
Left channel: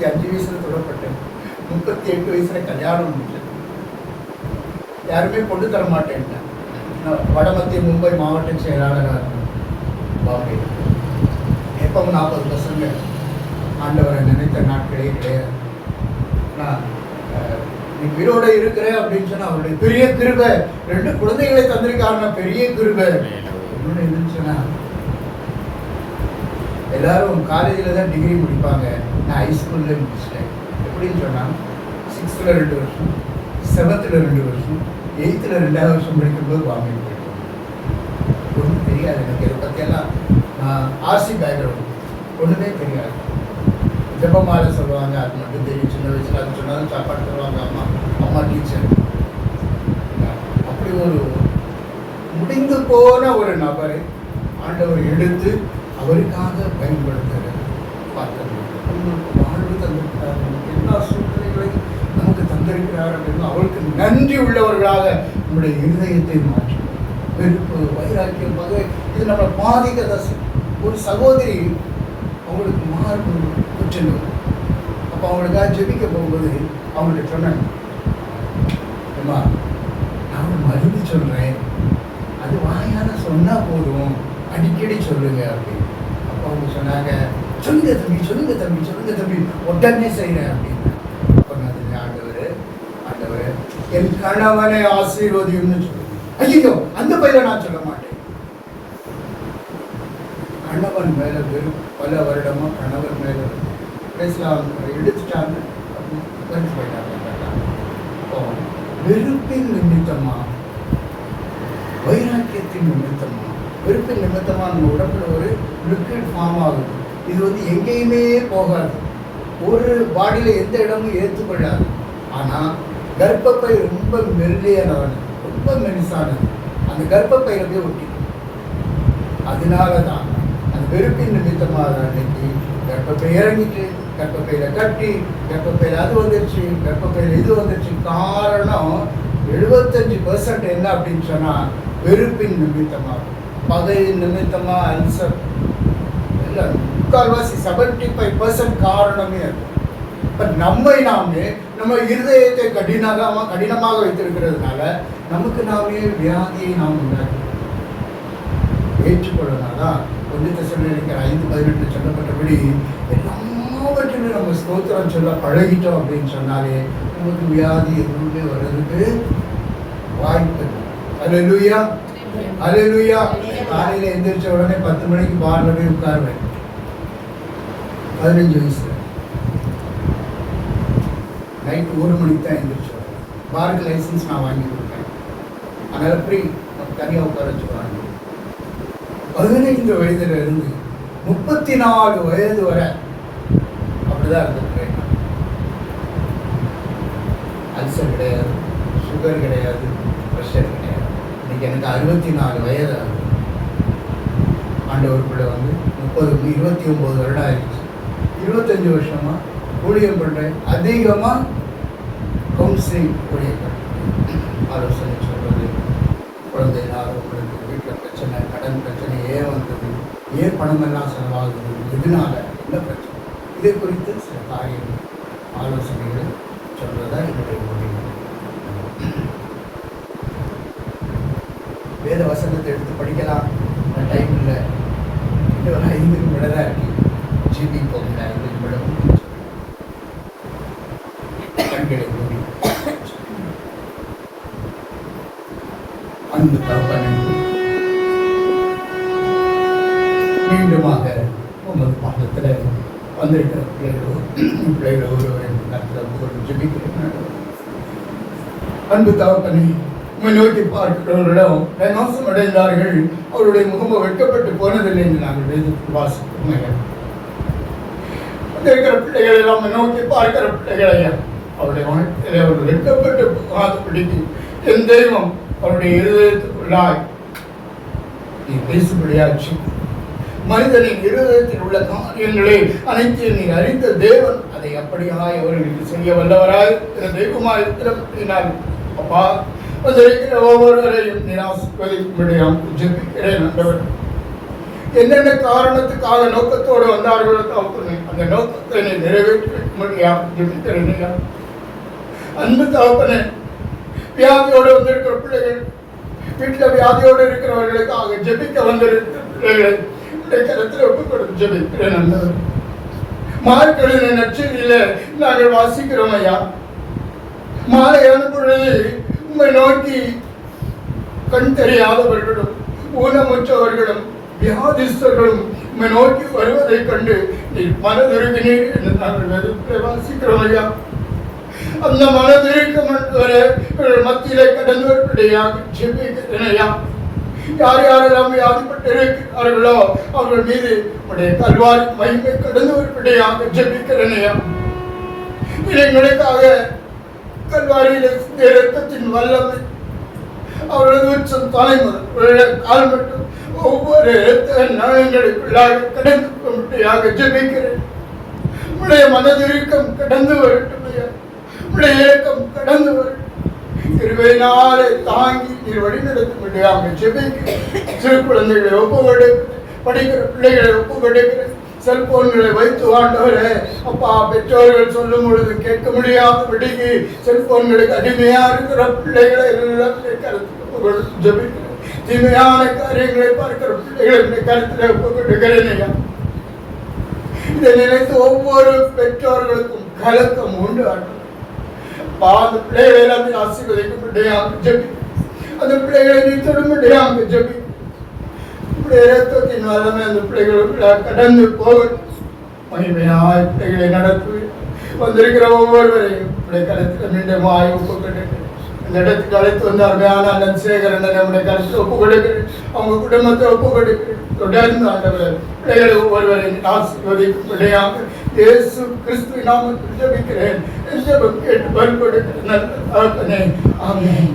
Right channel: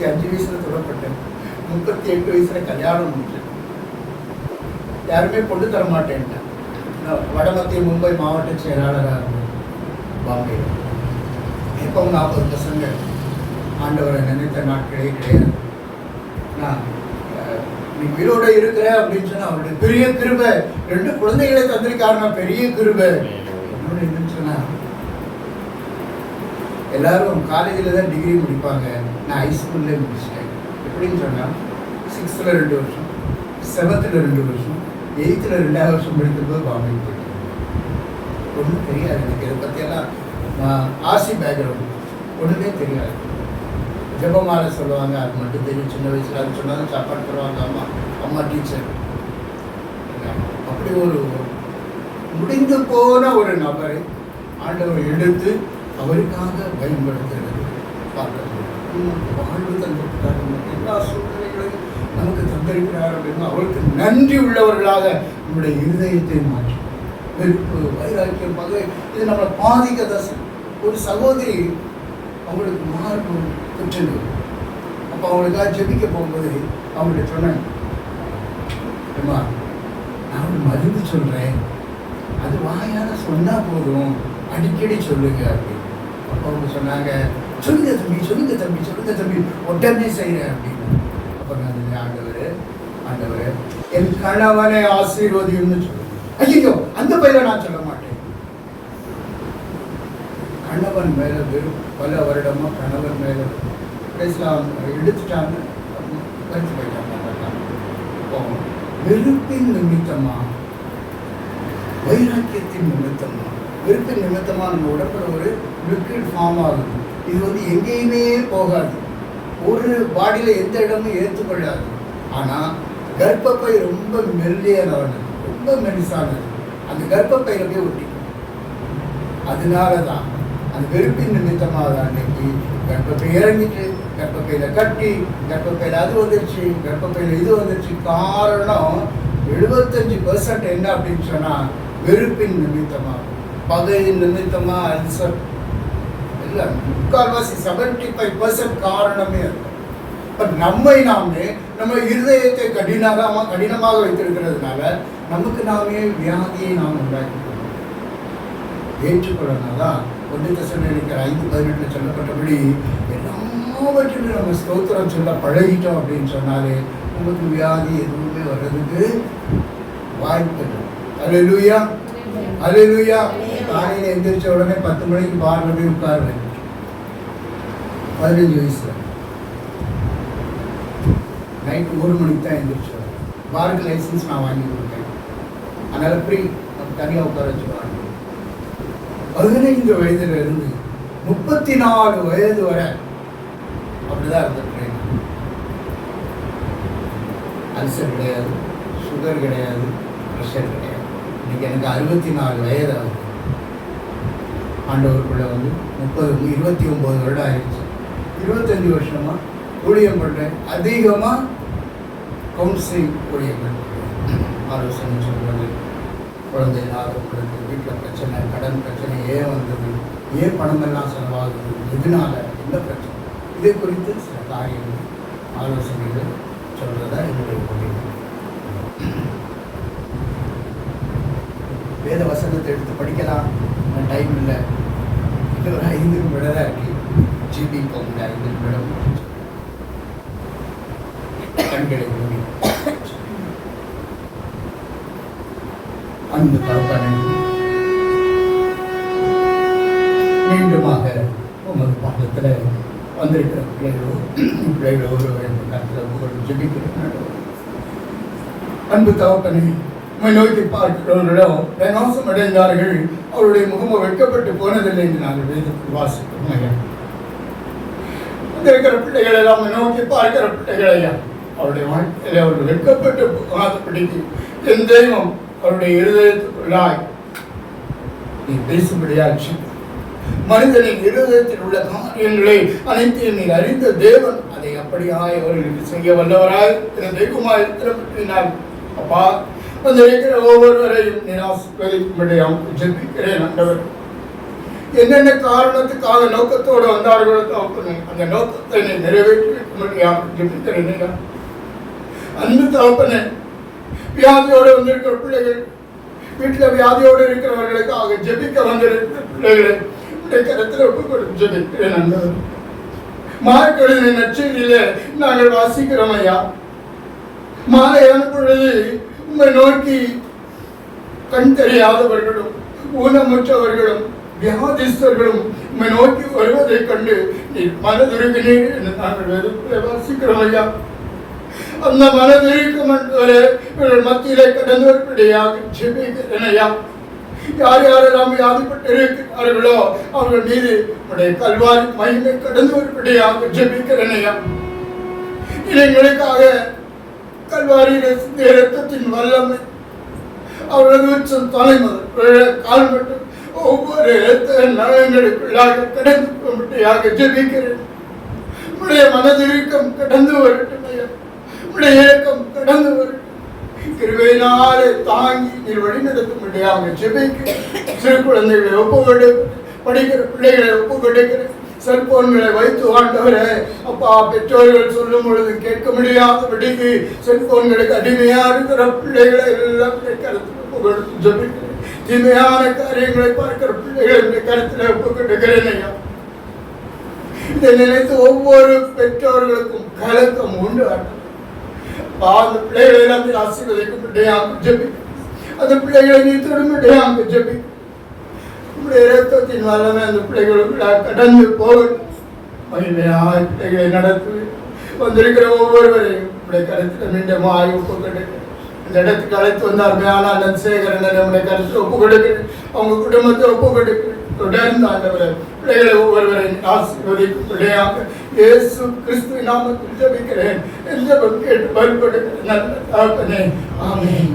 35 வயசுல தொடப்பட்டேன், 38 வயசுல கல்யாணம் முடிச்சேன். யாருமே கொண்டு தர மாட்டேன். வடமத்திய மும்பை மாவட்ட செயலாளராக இருந்தேன் பாம்பே. எப்பவும் 40 பசங்க. ஆண்டவரை நினைத்த நாட்களே கிடையாது. நான் நீ உயிரோட இருக்கிற அப்படின்னு சொன்னா அவருடைய பெரிய கிருபை. 2 குழந்தைகளை தந்திருக்காருன்னா பெரிய கிருபை. என்னோட என்னன்னு சொன்னா, எல்லாரும் காலேஜில் தான் டிகிரி முடிப்பாங்க, நான் ஹைஸ்கூல்ல முடிச்சிட்டேன். எப்படின்னு சொன்னா 6th 2 வருஷம், 7th 2 வருஷம், 8th 2வது வருஷம் படிக்கும்போது பாம்பே போயிட்டேன். ஒன்றும் தெரியாது எனக்கு. இதை பற்றியெல்லாம் ஆர்சி பேக்ரவுண்ட் ஒன்றுமே தெரியாது. ஜபமாலை சொல்லுவாங்க, அது மட்டும் தெரியும். சின்ன வயசுல அது சொன்னாலும் சாப்பாடு தருவாங்க அம்மா டீச்சர். அப்படி ஒரு முடிந்து போன ஒரு நபரை ஆண்டவர் எடுத்து அவருக்காக பயன்படுத்துகிறது பார்க்க. வாழ்வு தந்திருக்கிறார், எல்லா சூழ்நிலைகளையும் நமக்கு தந்திருக்கிறார் அப்படின்னு அவருக்கு நன்றி உள்ளவர்களாக நம்முடைய இருதயத்தை மாற்றி வெறுப்பு, வைராக்கியம், பகை இது நம்மளை பாதிக்க. ஒரு சகோதரி அவங்களுக்கு மார்பு குற்றல். அப்போ அவங்களுக்காக ஜெபிக்க போகும்போது அவங்கள்ட்ட சொன்னாங்க, அம்மா நான் ஒரு மருந்து சொல்கிறேன், அது வாயால் சொன்னால் போதும், அடிக்கடி சொல்லுங்க அப்படின்னு. அப்போ அவங்க சொன்னாங்க, சொல்லுங்க தம்பி, சொல்லுங்க தம்பி, சொல்லுங்க தம்பி, உடனே செய்கிறேன் அப்படின்னு. அப்போ நான் ஆண்டவர் என் கணவனை ஆசீர்வதியும்னு சொல்லுங்க. ஐயோ, அந்த பையில நான் சொல்ல மாட்டேன். கணவன் மேல பல வருடமா கணவன் மேல எடுத்துட்டாங்க. வெறுப்பின் நிமித்தமா, வைராக்கியத்தின் நிமித்தமா, வெறுப்பின் நிமித்தமா நம்ம உடம்புல ஒரு லிக்விட் ஃபார்ம் ஆகுது. இது எங்கேயுமே போகாது, ஒரு பாடியில எந்த இடமும் ஏற்றுக்கொள்ளாது. ஆனா கர்ப்பப்பை ரொம்ப மெல்லியானது, ரொம்ப மெலிசானது, அந்த கர்ப்பப்பையில போய் ஒட்டி. அதனாலதான் அந்த வெறுப்பின் நிமித்தமாக அன்னைக்கு கர்ப்பப்பை இறங்கிட்டு, கர்ப்பப்பையில கட்டி, கர்ப்பப்பையில அது வந்துருச்சு, கர்ப்பப்பையில இது வந்துருச்சு. காரணம் 75% என்ன அப்படின்னு சொன்னா வெறுப்பின் நிமித்தமாக, பகையின் நிமித்தமா, அல்சர். இல்லை, 75% காரணமே அது. பட் நாமே நம்ம இருதயத்தை கடினமாக வைத்திருக்கிறதுனால நமக்கு நாமே வியாதியை நாம் உண்டாக்கி ஏற்றுக்கொள்ளனாதான் 1 தெசலோனிக்கர் 5:18 சொல்லப்பட்டபடி எல்லாவற்றிலும் நம்ம ஸ்தோத்திரம் சொல்ல பழகிட்டோம் அப்படின்னு சொன்னாலே நமக்கு வியாதி எதுவுமே வர்றதுக்கு வாய்ப்பு. அல்லேலூயா, அல்லேலூயா. காலையில் எந்திரிச்ச உடனே 10 மணிக்கு பார்ல போய் உட்காருவேன். 15 வயசுல நைட்டு 1 மணிக்கு தான் எந்திரிச்சோம். பாருக்கு லைசன்ஸ் நான் வாங்கி கொடுத்தேன், அதனால ஃப்ரீ தனியாக உட்கார வச்சுருவாங்க. 15 வயதுல இருந்து 34 வயது வரை அப்படிதான் இருந்திருக்கேன். அல்சர் கிடையாது, சுகர் கிடையாது, ப்ரெஷர் கிடையாது. இன்னைக்கு எனக்கு 64 வயது ஆகுது. ஆண்டவருக்குள்ள 29 வருடம் ஆயிடுச்சு. 25 வருஷமா ஊழியம் பண்றேன். அதிகமா கவுன்சிலிங் ஊழியம் பண்றேன். ஆலோசனை சொல்றது, குழந்தை ஆரோக்கியத்துக்கு, வீட்டில் பிரச்சனை, கடன் பிரச்சனை, ஏன் வந்தது, ஏன் பணமெல்லாம் செலவாகுது, எதனால, என்ன பிரச்சனை, இதை குறித்து சில காரியங்கள் ஆலோசனைகள் சொல்றதா எங்களுடைய முடிவு. வேத வசனத்தை எடுத்து படிக்கலாம், டைம் இல்லை. இது ஒரு 5 நிமிடம் தான் இருக்கு. ஜிபி போகல 5 நிமிடம். கண்களை மூடி அன்பு தகப்பனே, மீண்டுமாக உமது பாடத்துல வந்திருக்கிற பிள்ளைகள் ஒருவரின் கருத்தில் ஜெபிக்கிறேன். அன்பு தகப்பனே, உம்மை நோக்கி பார்க்கிறவர்களிடம் நாசம் அடைந்தார்கள், அவருடைய முகம வெட்கப்பட்டு போனதில்லை என்று நாங்கள் வேதத்தில் வாசிக்கிறோம். வந்திருக்கிற பிள்ளைகளை எல்லாம் நோக்கி பார்க்கிற பிள்ளைகளையா அவருடைய வாழ்க்கையில அவர்கள் வெட்கப்பட்டு போகாதபடிக்கு என் தெய்வம் அவருடைய இருதயத்துக்குள்ளாய் நீ பேசும்படியாச்சு. மனிதனின் இருதயத்தில் உள்ள காரியங்களை அனைத்தையும் நீர் அறிந்த தேவன் அதை அப்படியாய் அவர்களுக்கு செய்ய வல்லவராய் தெய்வமாய் திறமையினால் அப்பா வந்திருக்கிற ஒவ்வொருவரையும் நீர் ஆசீர்வதிக்கும்படியாக ஜெபிக்கிறேன். ஆண்டவர், என்னென்ன காரணத்துக்காக நோக்கத்தோடு வந்தார்களோ அந்த நோக்கத்தை நீ நிறைவேற்றும்படியாக ஜெபிக்கிறேன். அன்பு தகப்பனே, வியாதியோடு வந்திருக்கிற பிள்ளைகள், வீட்டில் வியாதியோடு இருக்கிறவர்களுக்காக ஜெபிக்க வந்திருக்கிற பிள்ளைகளை கருத்தில் ஒப்புக் கொடுத்து ஜெபிக்கிறேன். மார்க்கெழுதின நற்செய்தியில நாங்கள் வாசிக்கிறோம் ஐயா, மாலையான பொழுது உங்களை நோக்கி கண் தெரியாதவர்களும் ஊனமுற்றவர்களும் வியாதிஸ்தர்களும் உங்களை நோக்கி வருவதை கண்டு நீ மனதிருக்கினீர் என்று நாங்கள் வாசிக்கிறோம் ஐயா. அந்த மனதிருக்கும் மத்தியிலே கடந்து வரும்படியாக ஜெபிக்கிறேன் ஐயா. யார் யாரெல்லாம் வியாதிப்பட்டு இருக்கிறார்களோ அவர்கள் மீது உடைய கல்வாரி மகிமை கடந்து வரும்படியாக ஜெபிக்கிறேன் ஐயா. எங்களுக்காக கல்வாரியில இரத்தத்தின் வல்லமை அவர்களது உச்சம் தலைமுறை கால் மட்டும் ஒவ்வொரு இரத்த நலங்களுக்குள்ளாக கடந்து வரும்படியாக ஜெபிக்கிறேன். உடைய மனதிருக்கம் கடந்து வரட்டும் ஐயா, உடைய இறக்கம் கடந்து வரட்டும். கிருபையினாலே தாங்கி நீர் வழி நடத்தும்படியாக ஜெபிக்கிறேன். சிறு குழந்தைகளை ஒப்புக்கொடு, படிக்கிற பிள்ளைகளை ஒப்புக்கொடுக்கிறேன். செல்போன்களை வைத்து ஆண்டவரே அப்பா, பெற்றோர்கள் சொல்லும் பொழுது கேட்க முடியாதபடிக்கு செல்போன்களுக்கு அடிமையா இருக்கிற பிள்ளைகளை எல்லாம் கருத்தில் ஜெபிக்கிறேன். தீமையான காரியங்களை பார்க்கிற பிள்ளைகளை கருத்தில் ஒப்புக்கொடுக்கிறேன் ஐயா. இதை நினைத்து ஒவ்வொரு பெற்றோர்களுக்கும் கலக்கம் உண்டு. அந்த பிள்ளைகளை எல்லாம் ஆசீர்வதிக்கும்படியாக ஜெபி, அந்த பிள்ளைகளை நீ தொடும்படியாக ஜெபி. இரத்தத்தின் வல்லமை அந்த பிள்ளைகளுக்கு கடந்து போகும். மகிமையாய் பிள்ளைகளை நடத்து வந்திருக்கிற ஒவ்வொருவரையும் கருத்தில் மீண்டும் ஒப்பு கொடுக்கிறேன். இந்த இடத்துக்கு அழைத்து வந்த அருமையான அண்ணன் சேகரன் நம்முடைய கருத்தில் ஒப்பு கொடுக்கிறேன். அவங்க குடும்பத்தை ஒப்பு கொடுக்கிறேன். தொடர்ந்து ஆண்டவர் பிள்ளைகளை ஒவ்வொருவரையும் ஆசீர்வதிக்கும்படியாக இயேசு கிறிஸ்துவின் நாமத்தில் ஜெபிக்கிறேன். கேட்டு பல்கொடுக்கிறேன். ஆமென்.